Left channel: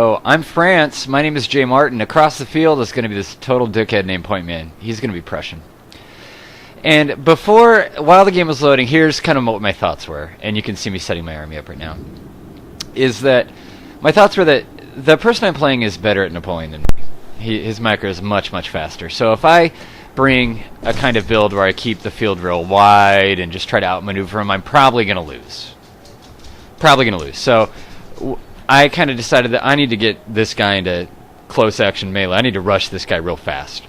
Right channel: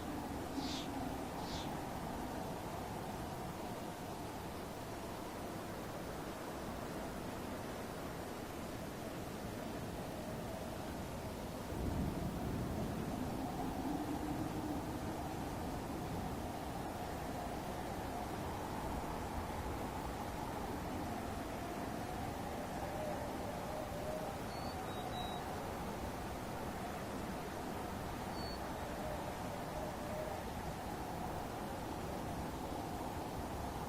Oh, I'm France. My name is jmartin. Across the field is going to be this total dickhead named Point Man. He's going to be Prussian. And while the game was loading, here's kind of what my thoughts were. And you can see me setting my army up right now. Is that my thoughts were that the person I'm playing is better at Napoleon than me. His micro is much, much faster. So if I bring a kind of build where I keep the field real wide and just try to outmaneuver him, I'm probably going to lose. So I kind of decided that I need to get this guy into close action melee. I need to rush this guy real fast.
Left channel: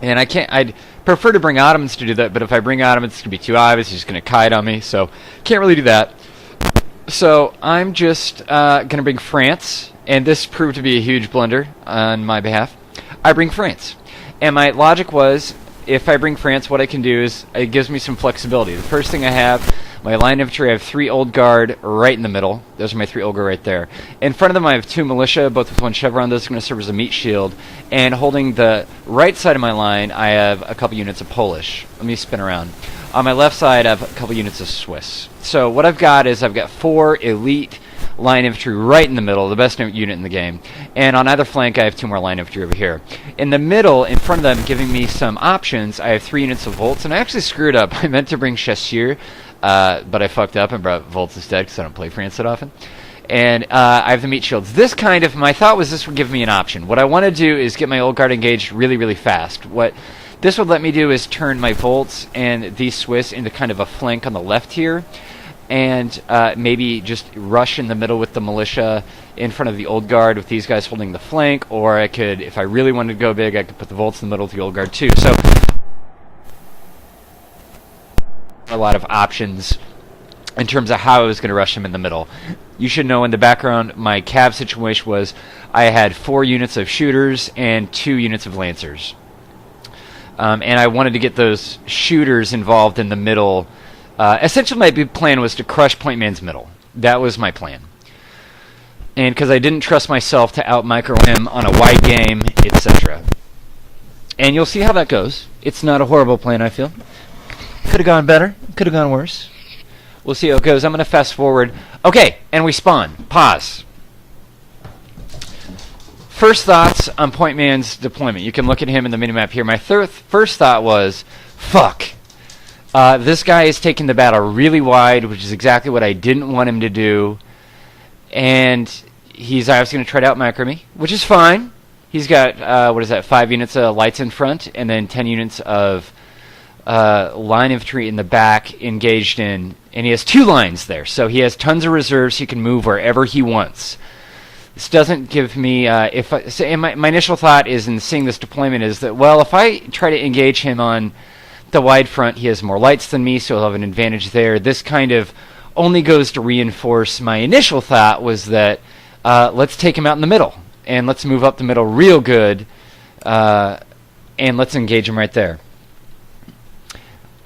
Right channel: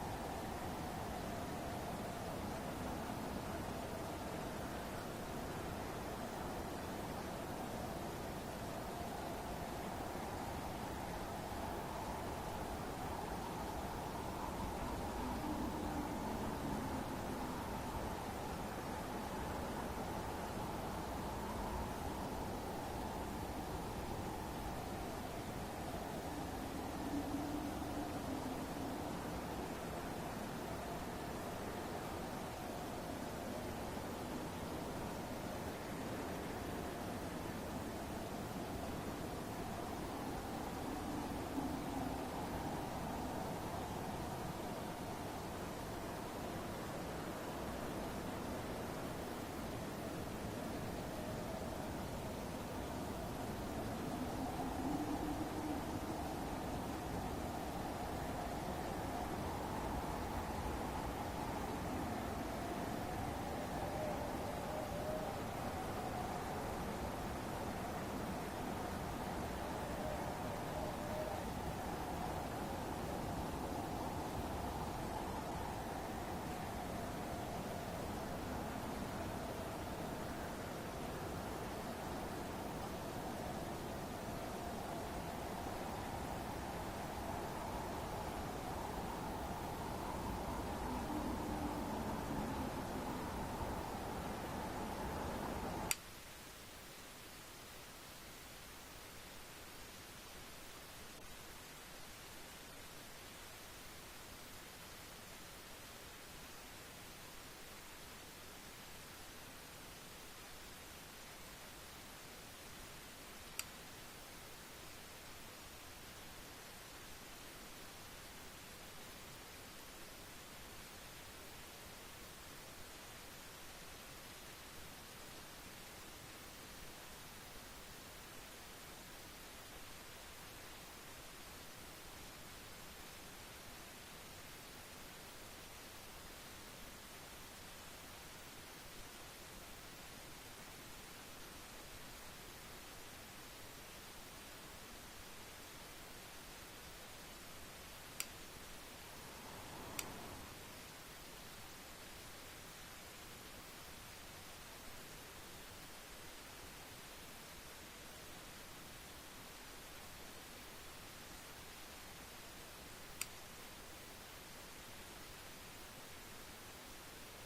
And I'd prefer to bring Ottomans to do that, but if I bring Ottomans, it's going to be too obvious. He's just going to kite on me, so can't really do that. So I'm just going to bring France, and this proved to be a huge blunder on my behalf. I bring France. And my logic was, if I bring France, what I can do is it gives me some flexibility. The first thing I have, my line infantry, I have 3 old guard right in the middle. Those are my 3 old guard right there. In front of them, I have 2 militia, both with 1 chevron. Those are going to serve as a meat shield. And holding the right side of my line, I have a couple units of Polish. Let me spin around. On my left side, I have a couple units of Swiss. So what I've got is I've got 4 elite line infantry right in the middle, the best unit in the game. And on either flank, I have 2 more line infantry over here. In the middle, in front of them, giving me some options, I have 3 units of Volts. And I actually screwed up. I meant to bring Chasseur, but I fucked up and brought Volts instead because I don't play France that often. And I have the meat shields. My thought was this would give me an option. What I want to do is get my old guard engaged really, really fast. What this would let me do is turn my Volts and these Swiss into kind of a flank on the left here. And maybe just rush in the middle with the militia in front of the old guard with these guys holding the flank. Or I could, if I really wanted to go big, I could put the Volts in the middle with the old guard too. So a lot of options in terms of how I was going to rush him in the middle. You should know in the background, my cav situation was I had 4 units of shooters and 2 units of lancers. And I wanted to get those shooters involved in the middle. Essentially, my big plan was to crush Point Man's middle. That was my plan. And because I didn't trust myself to out-micro him on a wide game, etc. And you'll see how that goes. It's not a horrible plan, I feel. Could have gone better. Could have gone worse. We'll see how it goes. I'm going to fast forward. Okay, and we spawn. Pause. First thoughts on Point Man's deployment. You can look at him in the minimap here. My first thought was, fuck. This guy is taking the battle really wide, which is exactly what I didn't want him to do. And he's obviously going to try to out-micro me, which is fine. He's got, 5 units of lights in front, and then 10 units of line infantry in the back engaged in, and he has 2 lines there, so he has tons of reserves. He can move wherever he wants. This doesn't give me my initial thought is in seeing this deployment is that, well, if I try to engage him on the wide front, he has more lights than me, so he'll have an advantage there. This kind of only goes to reinforce my initial thought was that let's take him out in the middle and let's move up the middle real good, and let's engage him right there.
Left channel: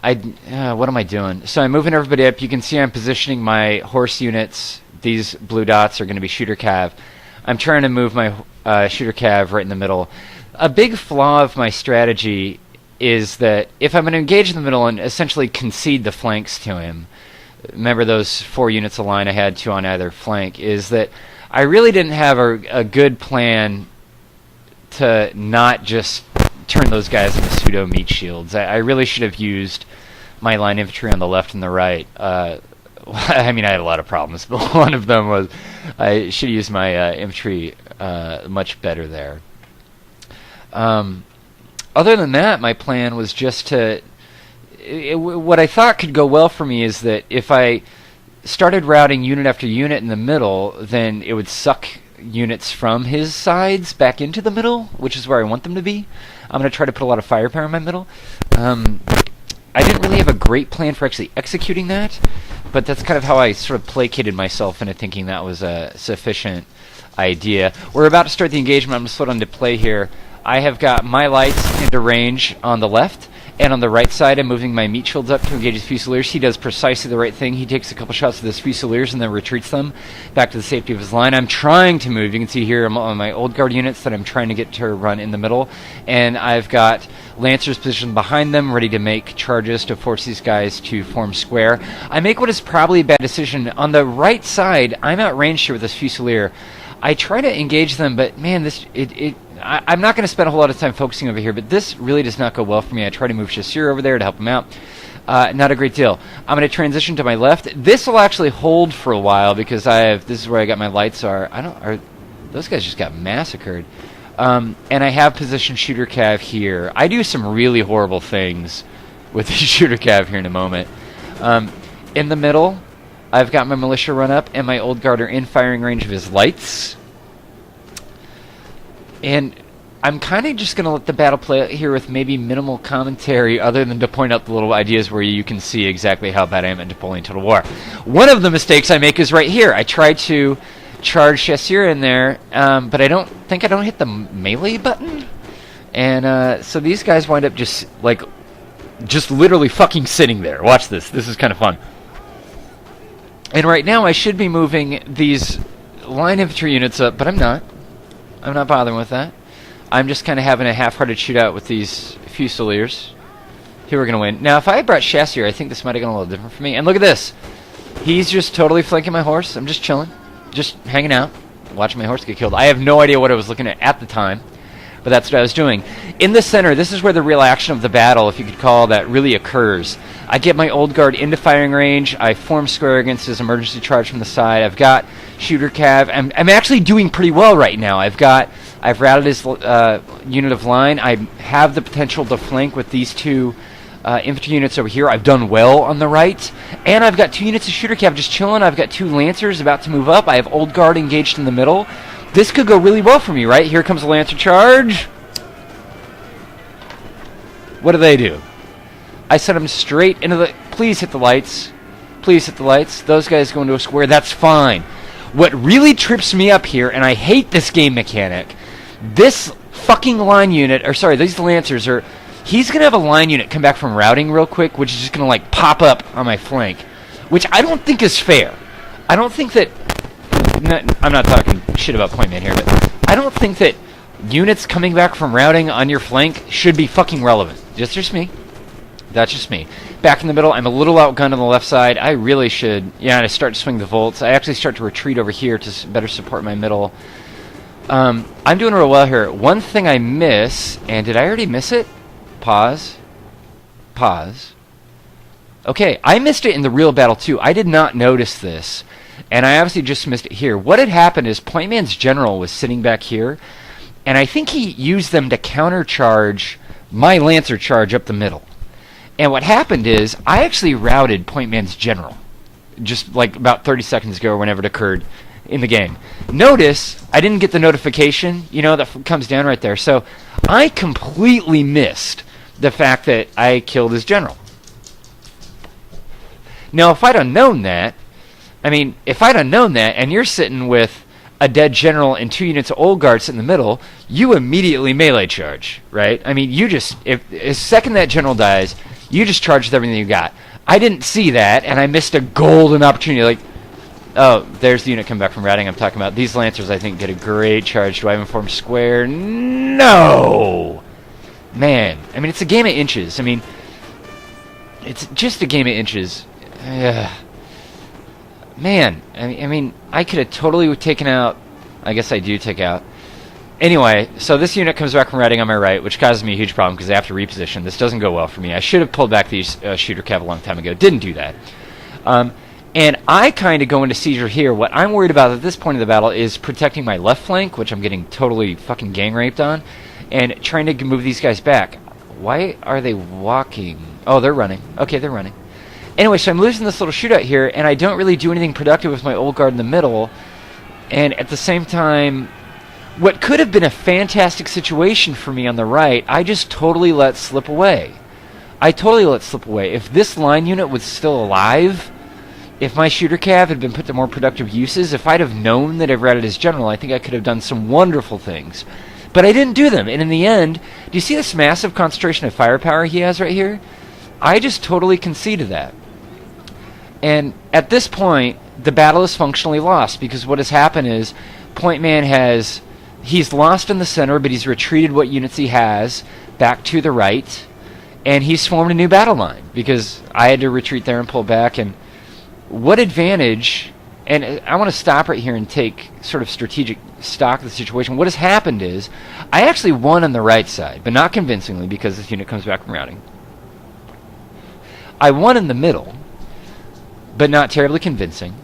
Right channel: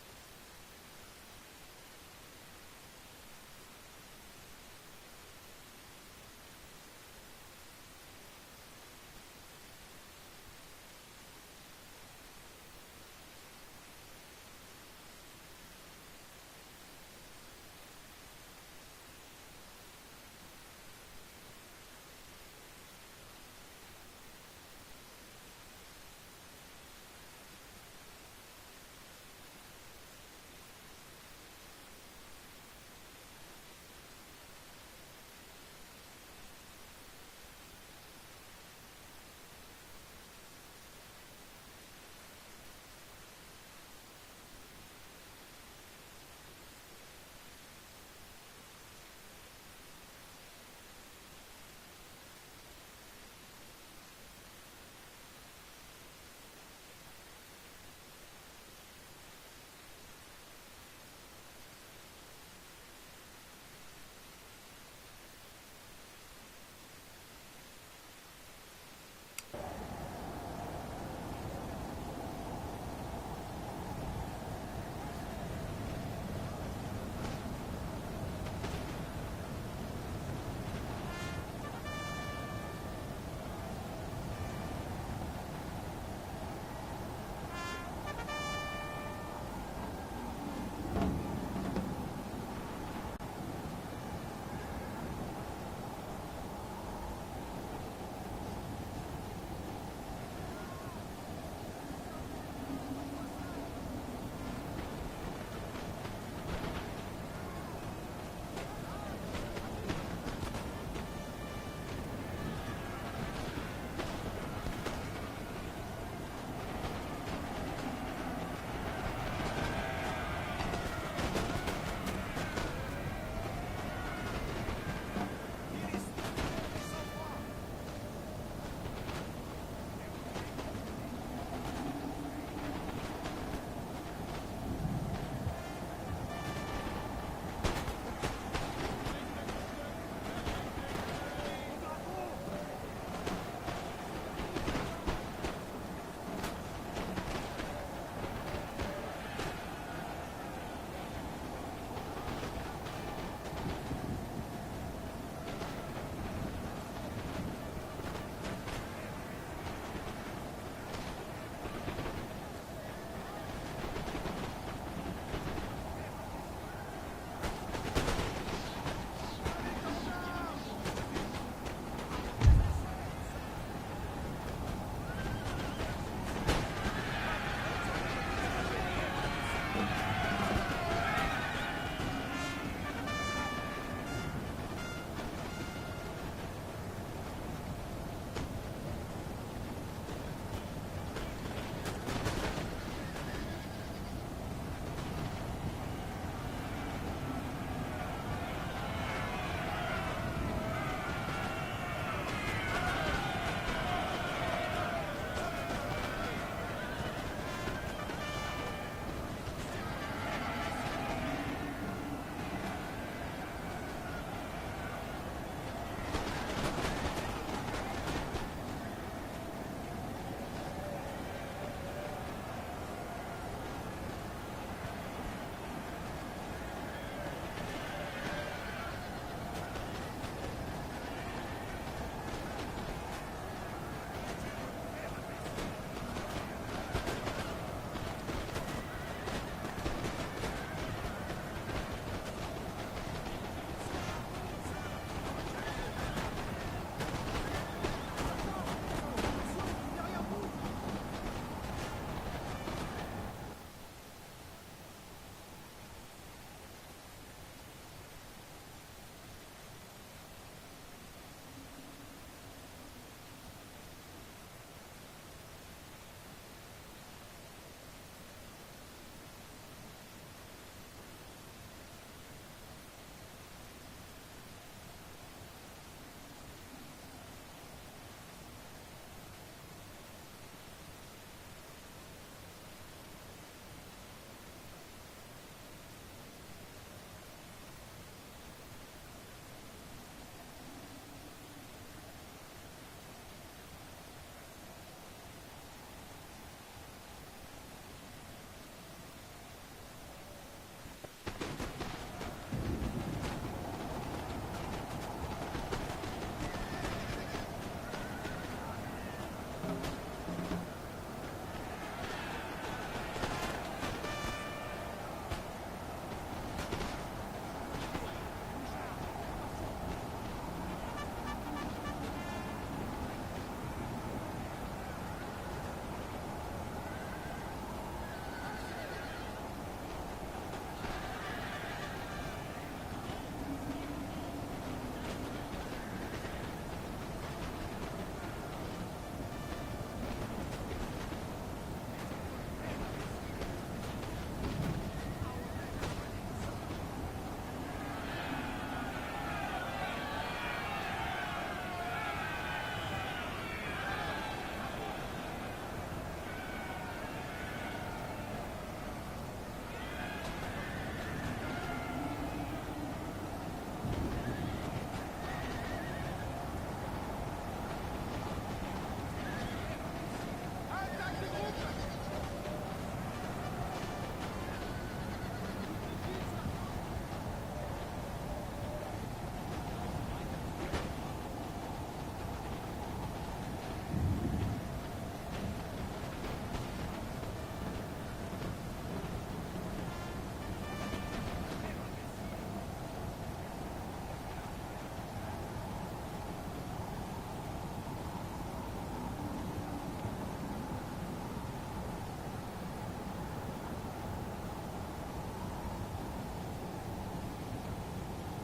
What am I doing? So I'm moving everybody up. You can see I'm positioning my horse units. These blue dots are going to be shooter cav. I'm trying to move my shooter cav right in the middle. A big flaw of my strategy is that if I'm going to engage in the middle and essentially concede the flanks to him, remember those 4 units of line I had, 2 on either flank, is that I really didn't have a good plan to not just turn those guys into pseudo meat shields. I really should have used my line infantry on the left and the right. I mean, I had a lot of problems, but one of them was I should have used my infantry much better there. Other than that, my plan was just to... what I thought could go well for me is that if I started routing unit after unit in the middle, then it would suck units from his sides back into the middle, which is where I want them to be. I'm going to try to put a lot of firepower in my middle. I didn't really have a great plan for actually executing that, but that's kind of how I sort of placated myself into thinking that was a sufficient idea. We're about to start the engagement. I'm going to slow down to play here. I have got my lights into range on the left, and on the right side I'm moving my meat shields up to engage his Fusiliers. He does precisely the right thing. He takes a couple shots of his Fusiliers and then retreats them back to the safety of his line. I'm trying to move. You can see here on my old guard units that I'm trying to get to run in the middle, and I've got Lancers positioned behind them, ready to make charges to force these guys to form square. I make what is probably a bad decision. On the right side, I'm outranged here with this Fusilier. I try to engage them, but man, I'm not going to spend a whole lot of time focusing over here, but this really does not go well for me. I try to move Chasseur over there to help him out. Not a great deal. I'm going to transition to my left. This will actually hold for a while because this is where I got my lights are. Those guys just got massacred. And I have positioned shooter cav here. I do some really horrible things with the shooter cav here in a moment. In the middle, I've got my militia run up, and my old guard are in firing range of his lights. And I'm kind of just going to let the battle play out here with maybe minimal commentary other than to point out the little ideas where you can see exactly how bad I am at Napoleon Total War. One of the mistakes I make is right here. I try to charge Chasseur in there, but I don't hit the melee button. And so these guys wind up just literally fucking sitting there. Watch this. This is kind of fun. And right now I should be moving these line infantry units up, but I'm not. I'm not bothering with that. I'm just kind of having a half-hearted shootout with these Fusiliers. Here we're going to win. Now, if I had brought Chasseur, I think this might have gone a little different for me. And look at this. He's just totally flanking my horse. I'm just chilling. Just hanging out. Watching my horse get killed. I have no idea what I was looking at the time. But that's what I was doing. In the center, this is where the real action of the battle, if you could call that, really occurs. I get my old guard into firing range. I form square against his emergency charge from the side. I've got shooter cav. I'm actually doing pretty well right now. I've routed his unit of line. I have the potential to flank with these two infantry units over here. I've done well on the right. And I've got 2 units of shooter cav just chilling. I've got 2 lancers about to move up. I have old guard engaged in the middle. This could go really well for me, right? Here comes a lancer charge. What do? I sent them straight into the... Please hit the lights. Please hit the lights. Those guys go into a square. That's fine. What really trips me up here, and I hate this game mechanic, this fucking line unit, or sorry, these lancers are... He's going to have a line unit come back from routing real quick, which is just going to, pop up on my flank, which I don't think is fair. I don't think that... I'm not talking shit about point man here, but I don't think that units coming back from routing on your flank should be fucking relevant. Just me. That's just me. Back in the middle, I'm a little outgunned on the left side. I really should... Yeah, I start to swing the volts. I actually start to retreat over here to better support my middle. I'm doing real well here. One thing I miss, and did I already miss it? Pause. Okay, I missed it in the real battle too. I did not notice this, and I obviously just missed it here. What had happened is Point Man's general was sitting back here, and I think he used them to countercharge my lancer charge up the middle. And what happened is I actually routed Point Man's general, just about 30 seconds ago or whenever it occurred in the game. Notice I didn't get the notification, that comes down right there. So I completely missed the fact that I killed his general. Now, if I'd have known that, and you're sitting with a dead general and 2 units of old guard sitting in the middle, you immediately melee charge, right? You just, the second that general dies, you just charge with everything you got. I didn't see that, and I missed a golden opportunity. Oh, there's the unit coming back from routing I'm talking about. These lancers, I think, did a great charge. Do I even form square? No! Man, it's a game of inches. It's just a game of inches. Man, I could have totally taken out... I guess I do take out. Anyway, so this unit comes back from routing on my right, which causes me a huge problem because I have to reposition. This doesn't go well for me. I should have pulled back these shooter cav a long time ago. Didn't do that. And I kind of go into seizure here. What I'm worried about at this point of the battle is protecting my left flank, which I'm getting totally fucking gang raped on, and trying to move these guys back. Why are they walking? Oh, they're running. Okay, they're running. Anyway, so I'm losing this little shootout here, and I don't really do anything productive with my old guard in the middle. And at the same time, what could have been a fantastic situation for me on the right, I just totally let slip away. If this line unit was still alive, if my shooter cav had been put to more productive uses, if I'd have known that I've routed his general, I think I could have done some wonderful things. But I didn't do them, and in the end, do you see this massive concentration of firepower he has right here? I just totally conceded that. And at this point, the battle is functionally lost, because what has happened is Point Man he's lost in the center, but he's retreated what units he has back to the right, and he's formed a new battle line, because I had to retreat there and pull back. And what advantage And I want to stop right here and take sort of strategic stock of the situation. What has happened is I actually won on the right side, but not convincingly because this unit comes back from routing. I won in the middle, but not terribly convincing.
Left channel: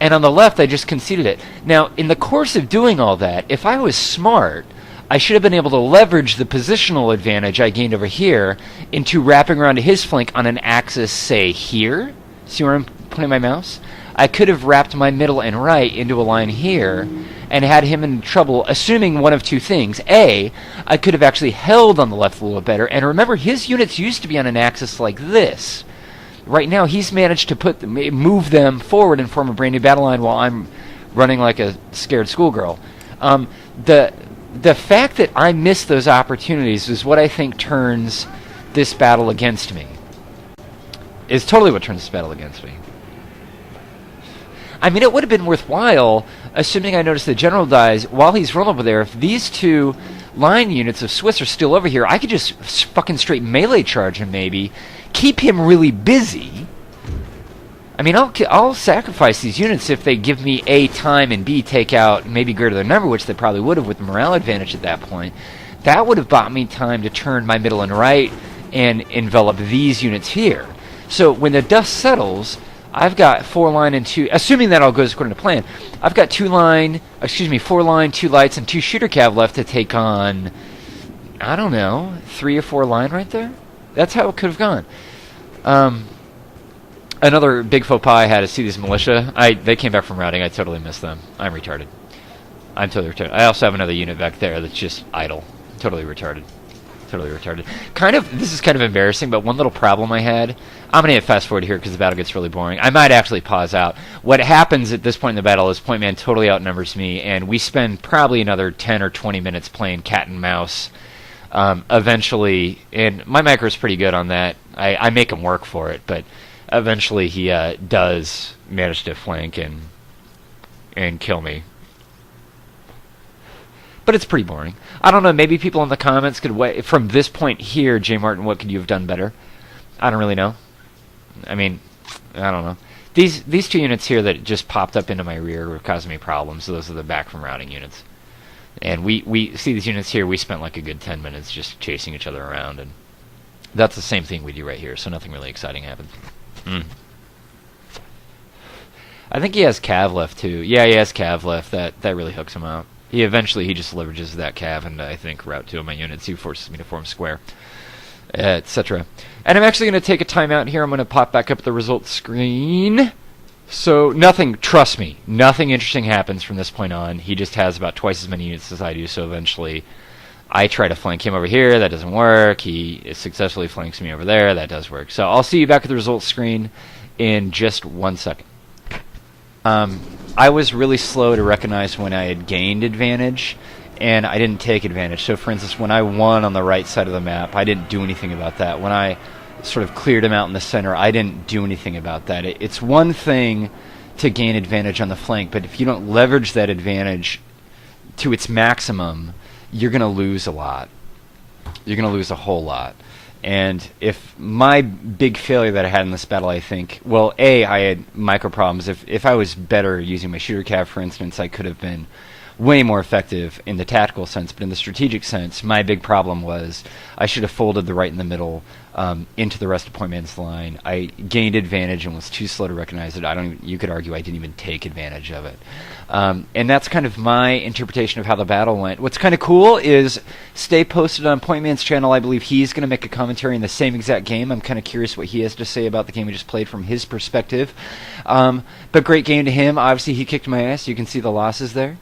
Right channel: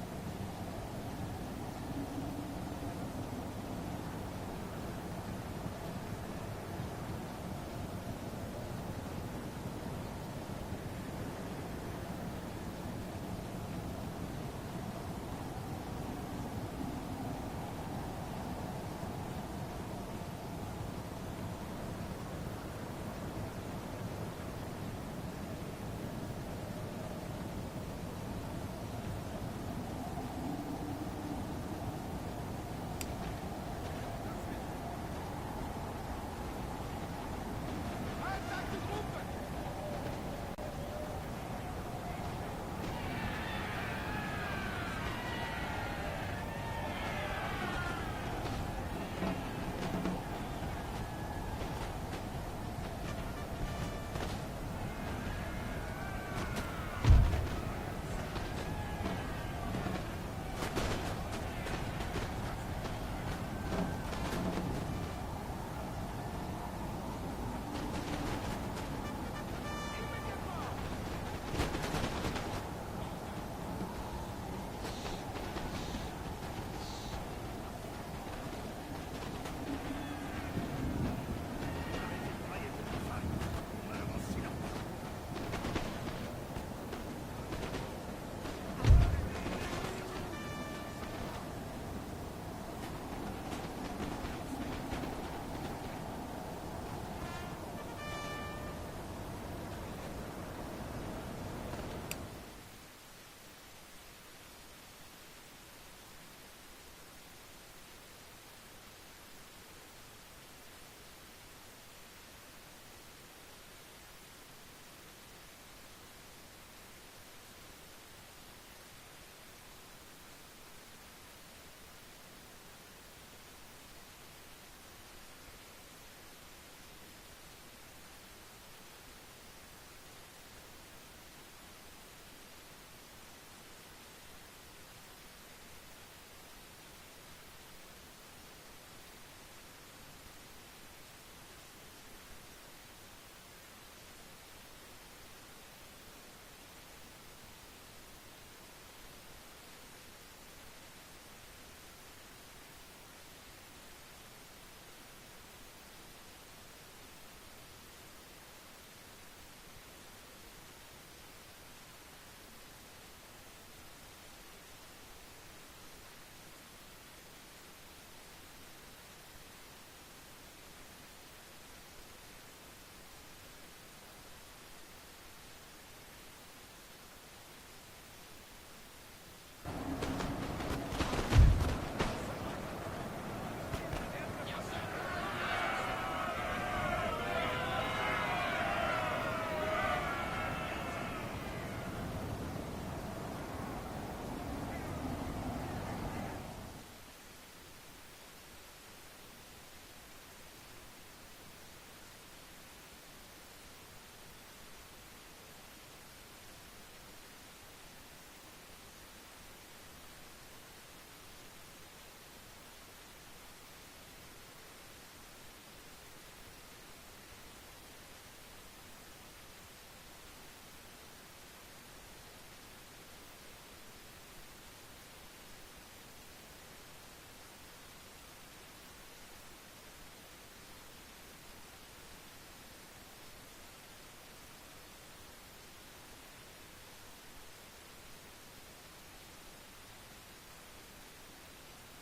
And on the left, I just conceded it. Now, in the course of doing all that, if I was smart, I should have been able to leverage the positional advantage I gained over here into wrapping around to his flank on an axis, say, here. See where I'm putting my mouse? I could have wrapped my middle and right into a line here and had him in trouble, assuming one of two things. A, I could have actually held on the left a little better. And remember, his units used to be on an axis like this. Right now, he's managed to move them forward and form a brand new battle line while I'm running like a scared schoolgirl. The fact that I missed those opportunities is what I think turns this battle against me. Is totally what turns this battle against me. I mean, it would have been worthwhile, assuming I noticed the general dies, while he's rolling over there, if these two line units of Swiss are still over here, I could just fucking straight melee charge him maybe, keep him really busy. I mean, I'll sacrifice these units if they give me A, time, and B, take out maybe greater than number, which they probably would have with the morale advantage at that point. That would have bought me time to turn my middle and right and envelop these units here. So when the dust settles, I've got 4 line and 2, assuming that all goes according to plan, I've got 4 line, 2 lights, and 2 shooter cav left to take on, I don't know, 3 or 4 line right there? That's how it could have gone. Another big faux pas I had is see these militia. They came back from routing. I totally missed them. I'm retarded. I'm totally retarded. I also have another unit back there that's just idle. Totally retarded. Totally retarded. This is kind of embarrassing, but one little problem I had, I'm going to hit fast forward here because the battle gets really boring. I might actually pause out. What happens at this point in the battle is Point Man totally outnumbers me, and we spend probably another 10 or 20 minutes playing cat and mouse. Eventually, and my micro is pretty good on that. I make him work for it, but eventually he does manage to flank and kill me. But it's pretty boring. I don't know, maybe people in the comments could wait. From this point here, jmartin, what could you have done better? I don't really know. I mean, I don't know. These 2 units here that just popped up into my rear were causing me problems. So those are the back from routing units. And we see these units here, we spent like a good 10 minutes just chasing each other around. And that's the same thing we do right here, so nothing really exciting happens. I think he has cav left too. Yeah, he has cav left. That really hooks him out. He just leverages that cav and I think route 2 of my units. He forces me to form square, etc. And I'm actually going to take a timeout here. I'm going to pop back up the results screen. So trust me, nothing interesting happens from this point on. He just has about twice as many units as I do, so eventually I try to flank him over here. That doesn't work. He successfully flanks me over there. That does work. So I'll see you back at the results screen in just 1 second. I was really slow to recognize when I had gained advantage, and I didn't take advantage. So, for instance, when I won on the right side of the map, I didn't do anything about that. When I sort of cleared him out in the center, I didn't do anything about that. It's one thing to gain advantage on the flank, but if you don't leverage that advantage to its maximum, you're going to lose a lot. You're going to lose a whole lot. And if my big failure that I had in this battle, I think, well, A, I had micro problems. If I was better using my shooter cav, for instance, I could have been way more effective in the tactical sense. But in the strategic sense, my big problem was I should have folded the right in the middle into the rest of Point Man's line. I gained advantage and was too slow to recognize it. You could argue I didn't even take advantage of it. And that's kind of my interpretation of how the battle went. What's kind of cool is stay posted on Point Man's channel. I believe he's going to make a commentary in the same exact game. I'm kind of curious what he has to say about the game we just played from his perspective. But great game to him. Obviously, he kicked my ass. You can see the losses there.